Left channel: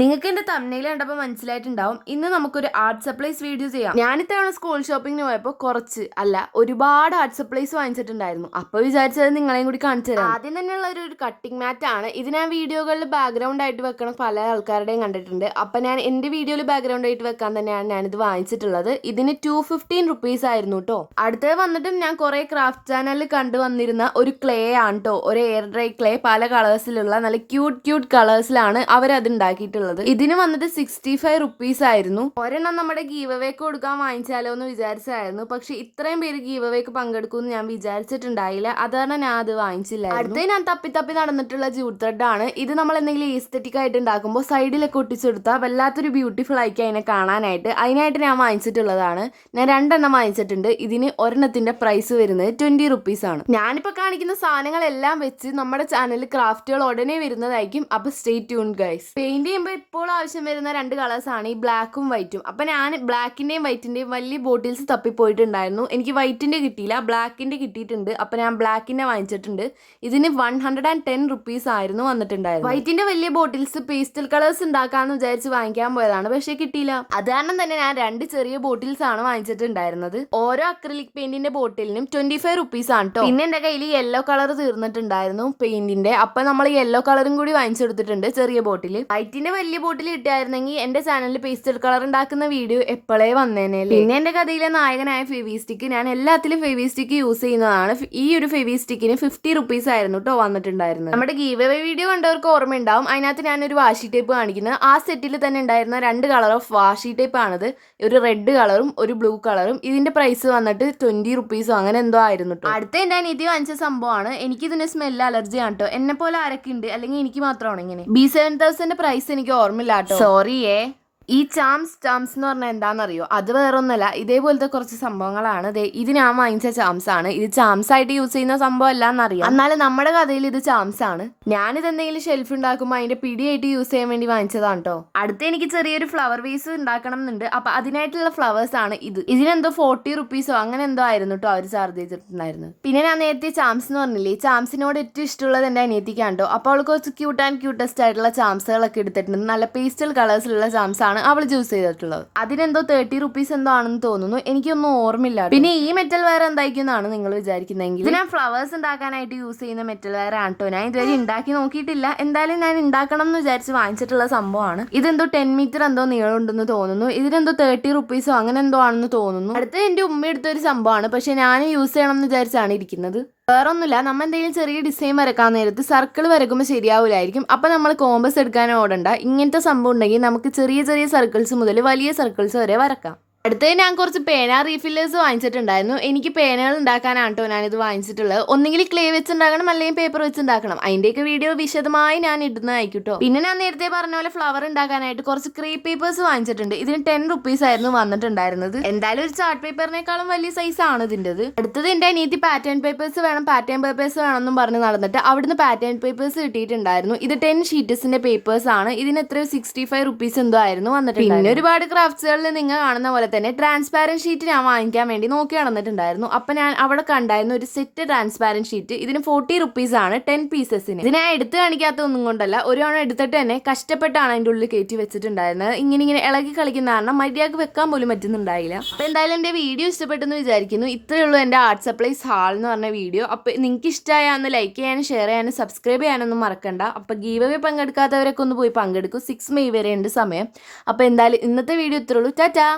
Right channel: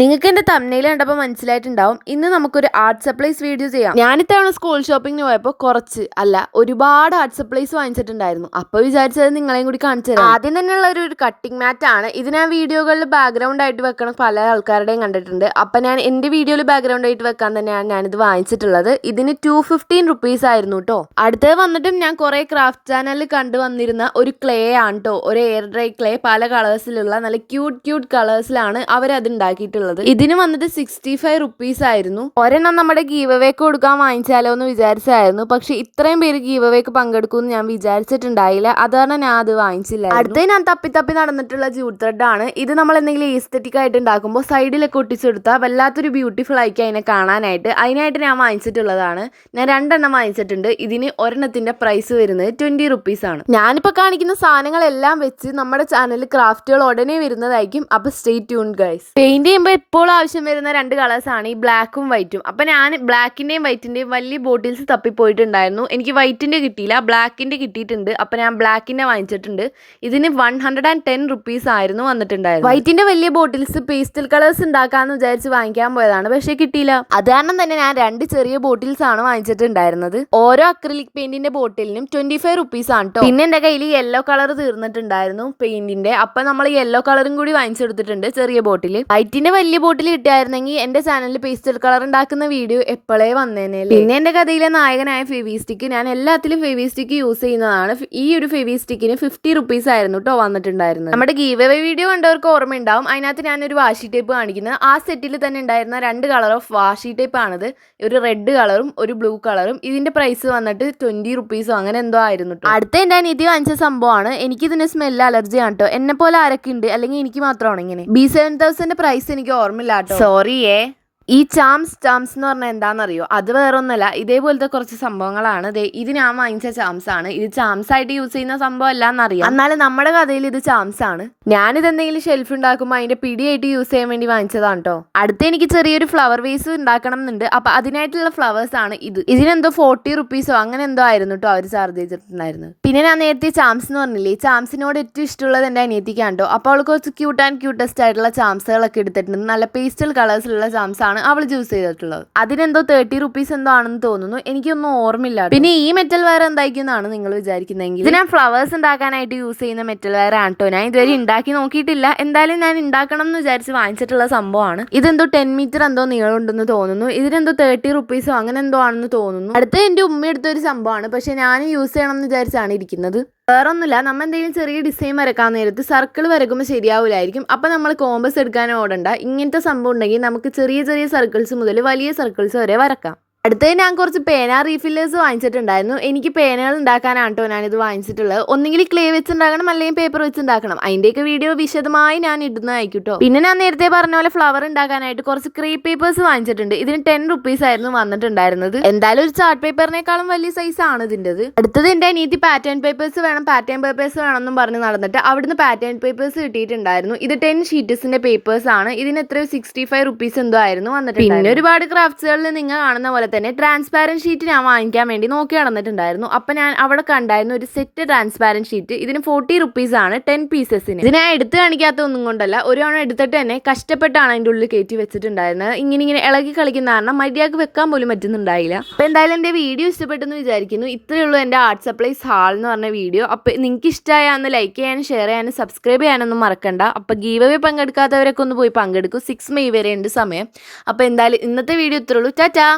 നിങ്ങൾക്ക് എന്റെ തമ്മിൽ കണ്ടപ്പോൾ മനസ്സിലായിട്ടുണ്ടാവും. ഇന്ന് നമുക്കൊരു ആർട്ട് സപ്ലൈസ് വീഡിയോ ചെയ്യാം. ഞാനിത്തവണ സ്കൂൾ ഷോപ്പിങ്ങിന് പോയപ്പോൾ ഒരുപാട് ആർട്ട് സപ്ലൈസ് വാങ്ങിച്ചിട്ടുണ്ടായിരുന്നു. അപ്പോൾ വിചാരിച്ചത് നിങ്ങളെയും കൂടി കാണിച്ചു തരാം. ആദ്യം തന്നെയുള്ള ഒരു കട്ടിംഗ് മാറ്റ് ആണ് ഇത്. ഞാൻ വീഡിയോകളിൽ ബാക്ക്ഗ്രൗണ്ട് ആയിട്ട് വെക്കണം പല ആൾക്കാരുടെയും കണ്ടിട്ടുണ്ട്. അപ്പം ഞാൻ എൻ്റെ വീഡിയോയിൽ ബാക്ക്ഗ്രൗണ്ട് ആയിട്ട് വെക്കാൻ തന്നെയാണ് ഞാനിത് വാങ്ങിച്ചിട്ടുള്ളത്. ഇതിന് 215 റുപ്പീസ് ആയിരുന്നു കേട്ടോ. അടുത്തത് വന്നിട്ടും ഞാൻ കുറേ ക്രാഫ്റ്റ് ചാനലിൽ കണ്ടുവന്നിരുന്ന ഒരു ക്ലേ ആണ് കേട്ടോ. ഒരു എയർ ഡ്രൈ ക്ലേ, പല കളേഴ്സിലുള്ള നല്ല ക്യൂട്ട് കളേഴ്സിലാണ് അവരത് ഉണ്ടാക്കിയിട്ടുള്ളത്. ഇതിന് വന്നിട്ട് 65 റുപ്പീസ് ആയിരുന്നു. ഒരെണ്ണം നമ്മുടെ ഗീവ് അവേക്ക് കൊടുക്കാൻ വാങ്ങിച്ചാലോ എന്ന് വിചാരിച്ചായിരുന്നു. പക്ഷെ ഇത്രയും പേര് ഗീവ് അവേക്ക് പങ്കെടുക്കുമെന്ന് ഞാൻ വിചാരിച്ചിട്ടുണ്ടായില്ല. അതാണ് ഞാൻ അത് വാങ്ങിച്ചില്ല. അടുത്ത ഞാൻ തപ്പി നടന്നിട്ടുള്ള ജൂട്ട് ത്രെഡ് ആണ്. ഇത് നമ്മൾ എന്തെങ്കിലും ഈസ്തെറ്റിക് ആയിട്ട് ഉണ്ടാക്കുമ്പോൾ സൈഡിലൊക്കെ ഒട്ടിച്ചെടുത്താൽ വല്ലാത്തൊരു ബ്യൂട്ടിഫുൾ ആയിരിക്കും അതിനെ കാണാനായിട്ട്. അതിനായിട്ട് ഞാൻ വാങ്ങിച്ചിട്ടുള്ളതാണ്. ഞാൻ 2 എണ്ണം വാങ്ങിച്ചിട്ടുണ്ട്. ഇതിന് ഒരെണ്ണത്തിന്റെ പ്രൈസ് വരുന്നത് 20 റുപ്പീസ് ആണ്. ഞാനിപ്പോൾ കാണിക്കുന്ന സാധനങ്ങളെല്ലാം വെച്ച് നമ്മുടെ ചാനലിൽ ക്രാഫ്റ്റുകൾ ഉടനെ വരുന്നതായിരിക്കും. അപ്പൊ സ്റ്റേ ട്യൂൺഡ് ഗൈസ്. പെയിന്റ് ചെയ്യുമ്പോൾ ഇപ്പോൾ ആവശ്യം വരുന്ന 2 കളേഴ്സാണ് ഈ ബ്ലാക്കും വൈറ്റും. അപ്പം ഞാൻ ബ്ലാക്കിൻ്റെയും വൈറ്റിൻ്റെയും വലിയ ബോട്ടിൽസ് തപ്പിപ്പോയിട്ടുണ്ടായിരുന്നു. എനിക്ക് വൈറ്റിൻ്റെ കിട്ടിയില്ല, ബ്ലാക്കിൻ്റെ കിട്ടിയിട്ടുണ്ട്. അപ്പം ഞാൻ ബ്ലാക്കിൻ്റെ വാങ്ങിച്ചിട്ടുണ്ട്. ഇതിന് 110 റുപ്പീസ് ആയിരുന്നു വന്നിട്ടുണ്ടായിരുന്നു. വൈറ്റിൻ്റെ വലിയ ബോട്ടിൽസ് പേസ്റ്റൽ കളേഴ്സ് ഉണ്ടാക്കാമെന്ന് വിചാരിച്ച് വാങ്ങിക്കാൻ പോയതാണ്, പക്ഷേ കിട്ടിയില്ല. അത് കാരണം തന്നെ ഞാൻ 2 ചെറിയ ബോട്ടിൽസ് ആണ് വാങ്ങിച്ചിട്ടുണ്ടായിരുന്നത്. ഓരോ അക്രിലിക് പെയിന്റിന്റെ ബോട്ടിലിനും 25 റുപ്പീസ് ആണ് കേട്ടോ. പിന്നെ എൻ്റെ കയ്യിൽ യെല്ലോ കളർ തീർന്നിട്ടുണ്ടായിരുന്നു പെയിന്റിന്റെ. അപ്പം നമ്മൾ യെല്ലോ കളറും കൂടി വാങ്ങിച്ചെടുത്തിട്ടുണ്ട് ചെറിയ ബോട്ടിൽ. വൈറ്റിന്റെ വലിയ ബോട്ടിൽ കിട്ടിയായിരുന്നെങ്കിൽ എൻ്റെ ചാനലിൽ പേസ്റ്റൽ കളർ ഉണ്ടാക്കുന്ന വീഡിയോ എപ്പോഴേ വന്നേനെ. പിന്നെ എൻ്റെ കഥയിലെ നായകനായ ഫെവിസ്റ്റിക്ക്, ഞാൻ എല്ലാത്തിലും ഫെവിസ്റ്റിക്ക് യൂസ് ചെയ്യുന്നതാണ്. ഈ ഒരു ഫെവിസ്റ്റിക്കിന് 50 റുപ്പീസ് ആയിരുന്നു കേട്ടോ വന്നിട്ടുണ്ടായിരുന്നത്. നമ്മുടെ ഗീവ് അവേ വീഡിയോ കണ്ടവർക്ക് ഓർമ്മയുണ്ടാവും. അതിനകത്ത് ഞാനൊരു വാഷി ടേപ്പ് കാണിക്കുന്നത്. ആ സെറ്റിൽ തന്നെ ഉണ്ടായിരുന്ന 2 കളർ ഓഫ് വാഷി ടേപ്പ് ആണിത്. ഒരു റെഡ് കളറും ഒരു ബ്ലൂ കളറും. ഇതിന്റെ പ്രൈസ് വന്നിട്ട് 20 റുപ്പീസോ അങ്ങനെ എന്തോ ആയിരുന്നു കേട്ടോ. അടുത്ത എൻ്റെ അനിയത്തി വാങ്ങിച്ച സംഭവമാണ്. എനിക്കിതിന് സ്മെല്ല് അലർജിയാണ് കേട്ടോ. എന്നെ പോലെ ആരൊക്കെ ഉണ്ട്, അല്ലെങ്കിൽ എനിക്ക് മാത്രമാണ് ഇങ്ങനെ. B7000 പ്രൈസ് എനിക്ക് ഓർമ്മയില്ല കേട്ടോ, സോറിയേ. ഈ ചാംസ് എന്ന് പറഞ്ഞാൽ എന്താണെന്നറിയോ? അത് വേറൊന്നുമല്ല, ഇതേപോലത്തെ കുറച്ച് സംഭവങ്ങളാണ്. ഇത് ഞാൻ വാങ്ങിച്ച ചാംസ് ആണ്. ഇത് ചാംസ് ആയിട്ട് യൂസ് ചെയ്യുന്ന സംഭവം അല്ല എന്നറിയാം, എന്നാലും നമ്മുടെ കഥയിൽ ഇത് ചാംസ് ആണ്. ഞാനിത് എന്തെങ്കിലും ഷെൽഫ് ഉണ്ടാക്കുമ്പോൾ അതിന്റെ പിടിയായിട്ട് യൂസ് ചെയ്യാൻ വേണ്ടി വാങ്ങിച്ചതാണ് കേട്ടോ. അടുത്ത് എനിക്ക് ചെറിയൊരു ഫ്ലവർ വേസ് ഉണ്ടാക്കണം എന്നുണ്ട്. അപ്പൊ അതിനായിട്ടുള്ള ഫ്ലവേഴ്സ് ആണ് ഇത്. ഇതിനെന്തോ 40 റുപ്പീസോ അങ്ങനെ എന്തോ ആയിരുന്നു കേട്ടോ അവർ ചാർജ് ചെയ്തിട്ടുണ്ടായിരുന്നത്. പിന്നെ ഞാൻ നേരത്തെ ചാംസ് എന്ന് പറഞ്ഞില്ലേ, ചാംസിനോട് ഏറ്റവും ഇഷ്ടമുള്ളത് എൻ്റെ അനിയത്തിക്കാണ് കേട്ടോ. അപ്പോൾ അവൾക്ക് കുറച്ച് ക്യൂട്ടസ്റ്റ് ആയിട്ടുള്ള ചാംസുകളൊക്കെ എടുത്തിട്ടുണ്ട്. നല്ല പേസ്റ്റൽ കളേഴ്സിലുള്ള ചാംസ് ആണ് അവൾ ചൂസ് ചെയ്തിട്ടുള്ളത്. അതിനെന്തോ 30 റുപ്പീസ് എന്തോ ആണെന്ന് തോന്നുന്നു, എനിക്കൊന്നും ഓർമ്മയില്ല. പിന്നെ ഈ മെറ്റൽ വയർ എന്തായിരിക്കുന്നതാണ് നിങ്ങൾ വിചാരിക്കുന്നതെങ്കിൽ, ഇത് ഞാൻ ഫ്ലവേഴ്സ് ഉണ്ടാക്കാനായിട്ട് യൂസ് ചെയ്യുന്ന മെറ്റൽ വയർ ആണ് കേട്ടോ. ഞാൻ ഇതുവരെ ഉണ്ടാക്കി നോക്കിയിട്ടില്ല. എന്തായാലും ഞാൻ ഉണ്ടാക്കണം എന്ന് വിചാരിച്ച് വാങ്ങിച്ചിട്ടുള്ള സംഭവമാണ്. ഇതെന്തോ 10 മീറ്റർ എന്തോ നീളം ഉണ്ടെന്ന് തോന്നുന്നു. ഇതിനെന്തോ 30 റുപ്പീസോ അങ്ങനെ എന്തോ ആണെന്ന് തോന്നുന്നു. അടുത്ത എൻ്റെ ഉമ്മ എടുത്തൊരു സംഭവമാണ്, പക്ഷെ ഞാൻ യൂസ് ചെയ്യണം എന്ന് വിചാരിച്ചാണ് ഇരിക്കുന്നത്. വേറൊന്നുമില്ല, നമ്മൾ എന്തെങ്കിലും ചെറിയ ഡിസൈൻ വരക്കാൻ നേരത്ത് സർക്കിൾ വരക്കുമ്പോൾ ശരിയാവില്ലായിരിക്കും. അപ്പം നമ്മൾ കോമ്പസ് എടുക്കാൻ ഓടണ്ട. ഇങ്ങനത്തെ സംഭവം ഉണ്ടെങ്കിൽ നമുക്ക് ചെറിയ സർക്കിൾസ് മുതൽ വലിയ സർക്കിൾസ് വരെ വരക്കാം. അടുത്തത് ഞാൻ കുറച്ച് പേന റീഫില്ലേഴ്സ് വാങ്ങിച്ചിട്ടുണ്ടായിരുന്നു. എനിക്ക് പേനകൾ ഉണ്ടാക്കാനാണ് കേട്ടോ ഞാനിത് വാങ്ങിച്ചിട്ടുള്ളത്. ഒന്നെങ്കിൽ ക്ലേ വെച്ചുണ്ടാക്കണം, അല്ലെങ്കിൽ പേപ്പർ വെച്ചുണ്ടാക്കണം. അതിൻ്റെയൊക്കെ വീഡിയോ വിശദമായി ഞാൻ ഇടുന്നതായിരിക്കും കേട്ടോ. പിന്നെ ഞാൻ നേരത്തെ പറഞ്ഞ പോലെ ഫ്ലവർ ഉണ്ടാക്കാനായിട്ട് കുറച്ച് ക്രീപ്പ് പേപ്പേഴ്സ് വാങ്ങിച്ചിട്ടുണ്ട്. ഇതിന് 10 റുപ്പീസ് ആയിരുന്നു വന്നിട്ടുണ്ടായിരുന്നത്. എന്തായാലും ഒരു ചാർട്ട് പേപ്പറിനേക്കാളും വലിയ സൈസ് ആണ് ഇതിൻ്റെത്. അടുത്തത് എൻ്റെ അനിയത്തി പാറ്റേൺ പേപ്പേഴ്സ് വേണമെന്നും പറഞ്ഞ് നടന്നിട്ട് അവിടുന്ന് പാറ്റേൺ പേപ്പേഴ്സ് കിട്ടിയിട്ടുണ്ടായിരുന്നു. ഇത് 10 ഷീറ്റസിന്റെ പേപ്പേഴ്സ് ആണ്. ഇതിന് എത്ര 65 റുപ്പീസ് എന്തോ ആയിരുന്നു വന്നിട്ടുണ്ട്. പിന്നെ ഒരുപാട് ക്രാഫ്റ്റ്സുകളിൽ നിങ്ങൾ കാണുന്ന പോലെ തന്നെ ട്രാൻസ്പാരന്റ് ഷീറ്റ് ഞാൻ വാങ്ങിക്കാൻ വേണ്ടി നോക്കി നടന്നിട്ടുണ്ടായിരുന്നു. അപ്പൊ ഞാൻ അവിടെ കണ്ടായിരുന്നു ഒരു സെറ്റ് ട്രാൻസ്പാരന്റ് ഷീറ്റ്. ഇതിന് 40 റുപ്പീസ് ആണ് 10 പീസസിന്. ഇത് ഞാൻ എടുത്ത് കാണിക്കാത്ത ഒന്നും കൊണ്ടല്ല, ഒരു തവണ എടുത്തിട്ട് തന്നെ കഷ്ടപ്പെട്ടാണ് അതിൻ്റെ ഉള്ളിൽ കയറ്റി വെച്ചിട്ടുണ്ടായിരുന്നത്. ഇങ്ങനെ ഇളകി കളിക്കുന്ന കാരണം മര്യാദക്ക് വെക്കാൻ പോലും പറ്റുന്നുണ്ടായില്ല. അപ്പൊ എന്തായാലും എൻ്റെ വീഡിയോ ഇഷ്ടപ്പെട്ടെന്ന് വിചാരിക്കുന്നു. ഇത്രയേ ഉള്ളൂ എൻ്റെ ആർട്ട് സപ്ലൈസ് ഹാൾ എന്ന് പറഞ്ഞ വീഡിയോ. അപ്പൊ നിങ്ങൾക്ക് ഇഷ്ടമായാൽ ലൈക്ക് ചെയ്യാനും ഷെയർ ചെയ്യാനും സബ്സ്ക്രൈബ് ചെയ്യാനൊന്നും മറക്കണ്ട. അപ്പൊ ഗീവ് അവേ പങ്കെടുക്കാത്തവരൊക്കെ ഒന്ന് പോയി പങ്കെടുക്കും. 6 മെയ് വരെ ഉണ്ട് സമയം. അപ്പൊ എന്തായാലും ഇന്നത്തെ വീഡിയോ ഇത്രയേ ഉള്ളൂ. ടാറ്റാ.